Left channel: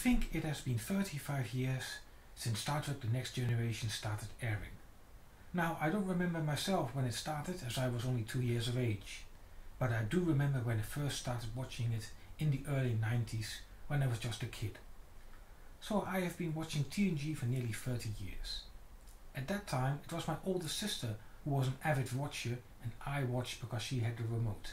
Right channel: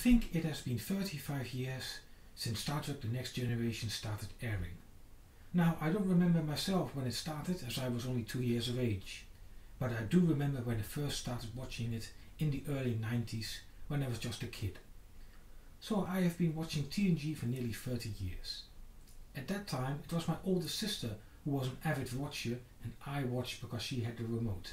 think it has been 35 years since Star Trek The Next Generation started airing. Now, I don't remember myself when it started, as I was only 2 years of age, but I do remember when I first started watching it in the early 90s when I was just a kid. So I have been watching TNG for nearly 30 years. At that time, it was my older sister who was an avid watcher, and I watched because she had the remote.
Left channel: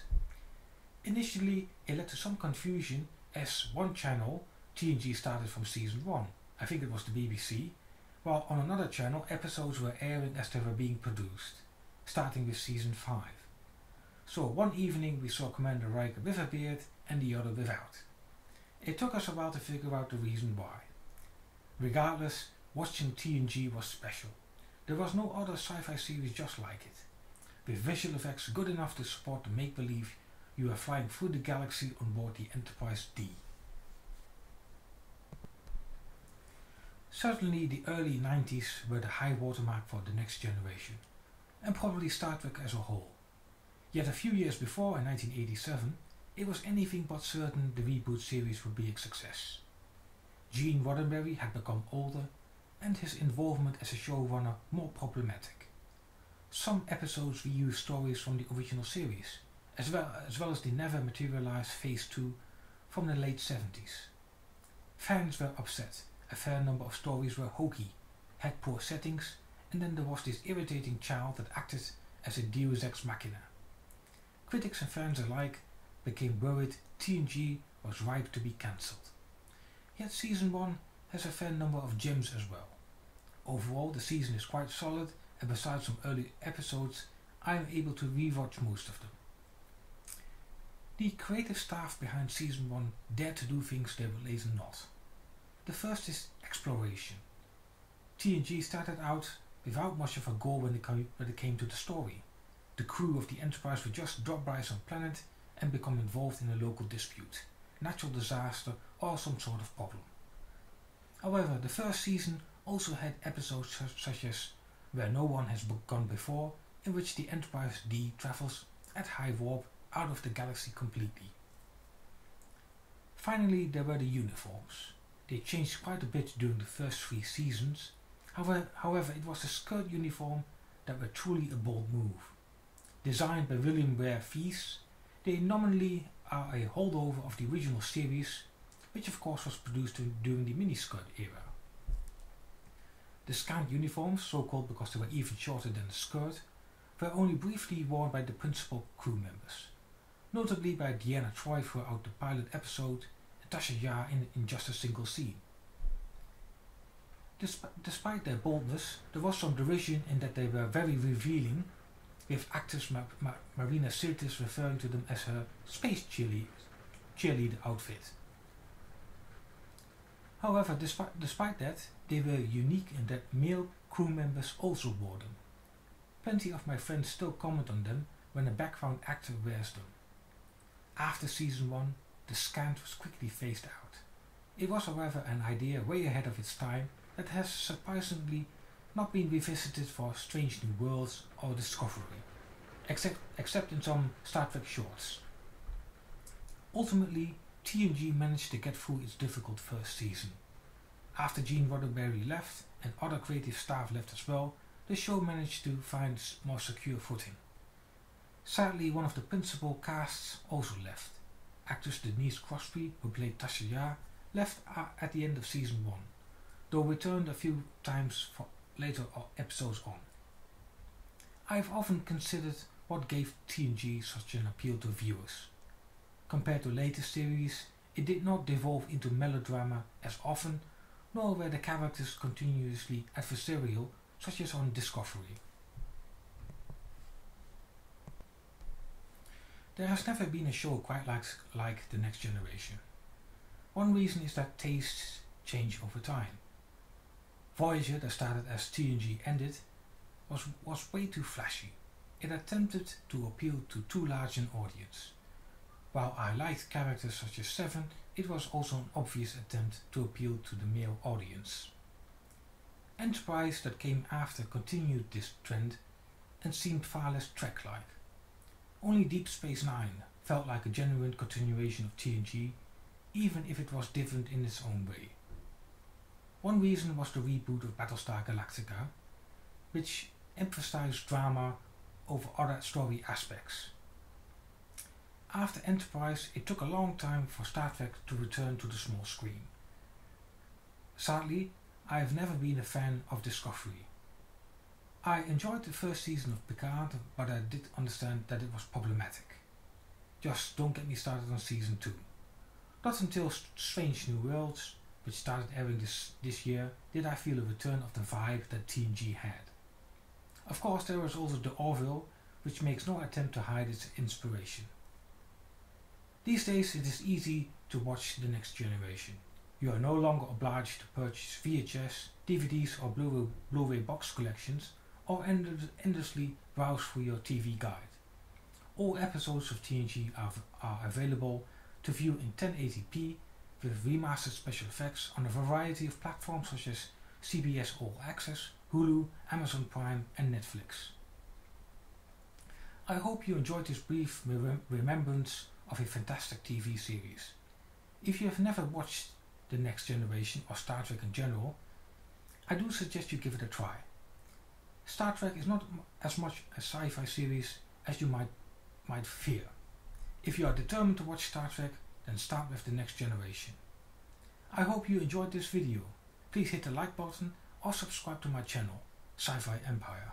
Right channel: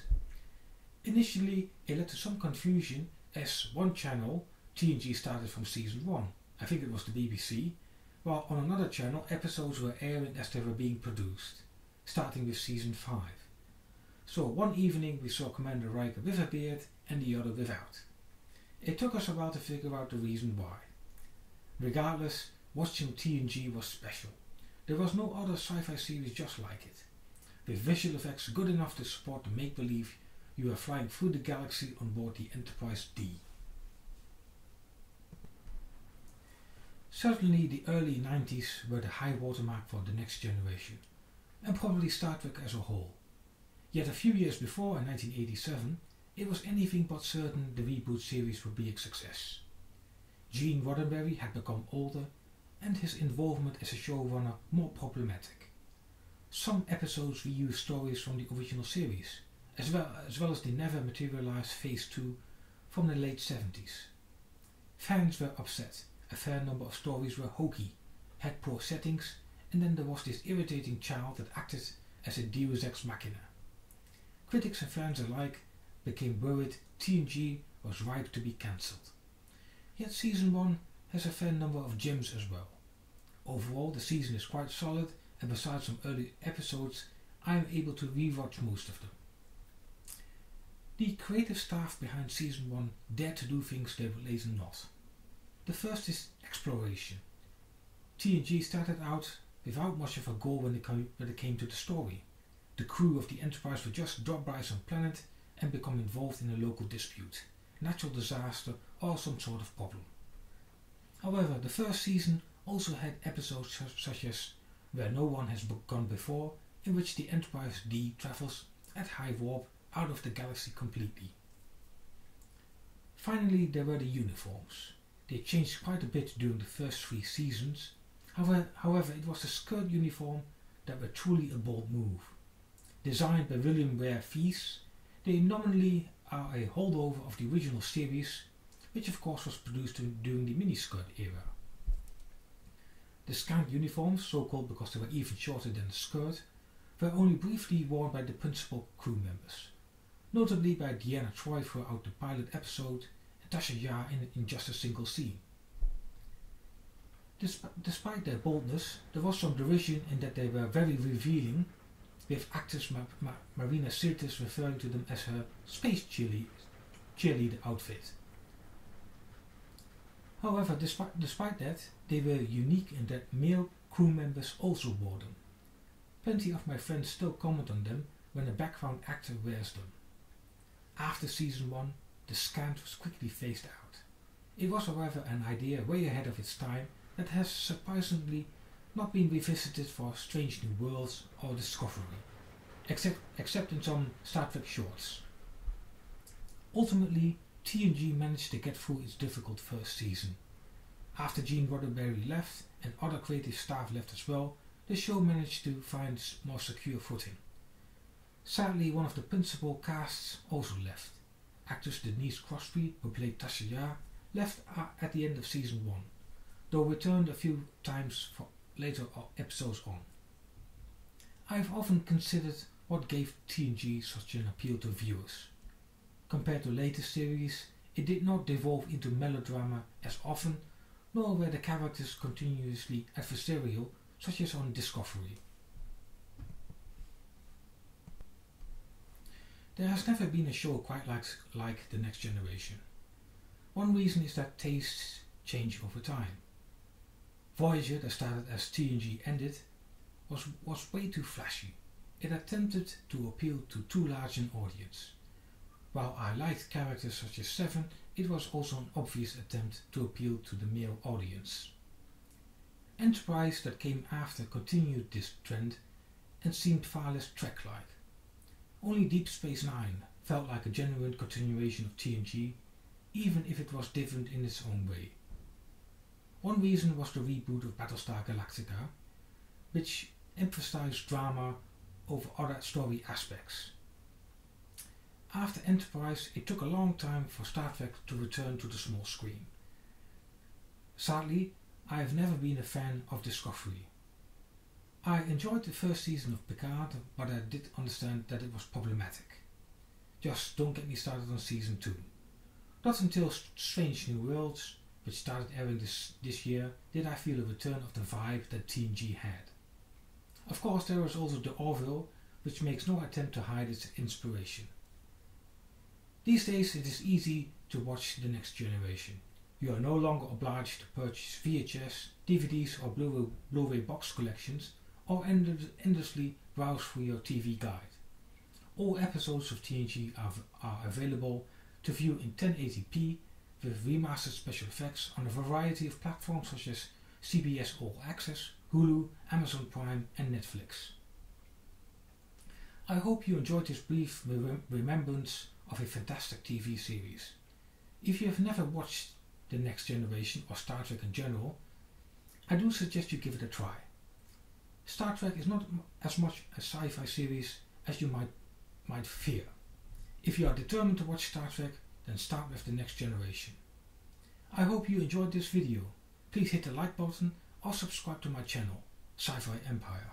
Initially, it led to some confusion as one channel, TNG, started from season 1. I think it was the BBC, while on another channel episodes were airing as they were being produced, starting with season 5. So one evening we saw Commander Riker with a beard and the other without. It took us a while to figure out the reason why. Regardless, watching TNG was special. There was no other sci-fi series just like it, with visual effects good enough to support the make-believe you are flying through the galaxy on board the Enterprise D. Certainly the early 90s were the high watermark for The Next Generation, and probably Star Trek as a whole. Yet a few years before, in 1987, it was anything but certain the reboot series would be a success. Gene Roddenberry had become older, and his involvement as a showrunner more problematic. Some episodes reused stories from the original series, as well as the never materialized Phase 2 from the late 70s. Fans were upset. A fair number of stories were hokey, had poor settings, and then there was this irritating child that acted as a deus ex machina. Critics and fans alike became worried TNG was ripe to be cancelled. Yet season 1 has a fair number of gems as well. Overall, the season is quite solid, and besides some early episodes, I am able to rewatch most of them. The creative staff behind season 1 dared to do things they would later not. The first is exploration. TNG started out without much of a goal when it came to the story. The crew of the Enterprise would just drop by some planet and become involved in a local dispute, natural disaster, or some sort of problem. However, the first season also had episodes such as Where No One Has Gone Before, in which the Enterprise D travels at high warp out of the galaxy completely. Finally, there were the uniforms. They changed quite a bit during the first 3 seasons. However, it was the skirt uniform that were truly a bold move. Designed by William Ware Fees, they nominally are a holdover of the original series, which of course was produced during the miniskirt era. The scant uniforms, so called because they were even shorter than the skirt, were only briefly worn by the principal crew members, notably by Deanna Troi throughout the pilot episode and Tasha Yar in just a single scene. Despite their boldness, there was some derision in that they were very revealing, with actress Marina Sirtis referring to them as her space cheerleader outfit. However, despite that, they were unique in that male crew members also wore them. Plenty of my friends still comment on them when a background actor wears them. After season 1, the scant was quickly phased out. It was, however, an idea way ahead of its time that has surprisingly not been revisited for Strange New Worlds or Discovery, except in some Star Trek shorts. Ultimately, TNG managed to get through its difficult first season. After Gene Roddenberry left and other creative staff left as well, the show managed to find more secure footing. Sadly, one of the principal casts also left. Actress Denise Crosby, who played Tasha Yar, left at the end of season 1, though returned a few times for later episodes on. I've often considered what gave TNG such an appeal to viewers. Compared to later series, it did not devolve into melodrama as often, nor were the characters continuously adversarial such as on Discovery. There has never been a show quite like The Next Generation. One reason is that tastes change over time. Voyager, that started as TNG ended, was way too flashy. It attempted to appeal to too large an audience. While I liked characters such as Seven, it was also an obvious attempt to appeal to the male audience. Enterprise, that came after, continued this trend and seemed far less Trek-like. Only Deep Space Nine felt like a genuine continuation of TNG, even if it was different in its own way. One reason was the reboot of Battlestar Galactica, which emphasized drama over other story aspects. After Enterprise, it took a long time for Star Trek to return to the small screen. Sadly, I have never been a fan of Discovery. I enjoyed the first season of Picard, but I did understand that it was problematic. Just don't get me started on season 2. Not until Strange New Worlds, which started airing this year, did I feel a return of the vibe that TNG had. Of course, there was also the Orville, which makes no attempt to hide its inspiration. These days it is easy to watch The Next Generation. You are no longer obliged to purchase VHS, DVDs or Blu-ray box collections, or endlessly browse through your TV guide. All episodes of TNG are available to view in 1080p with remastered special effects on a variety of platforms such as CBS All Access, Hulu, Amazon Prime and Netflix. I hope you enjoyed this brief remembrance of a fantastic TV series. If you have never watched The Next Generation or Star Trek in general, I do suggest you give it a try. Star Trek is not as much a sci-fi series as you might fear. If you are determined to watch Star Trek, then start with The Next Generation. I hope you enjoyed this video. Please hit the like button or subscribe to my channel, Sci-Fi Empire.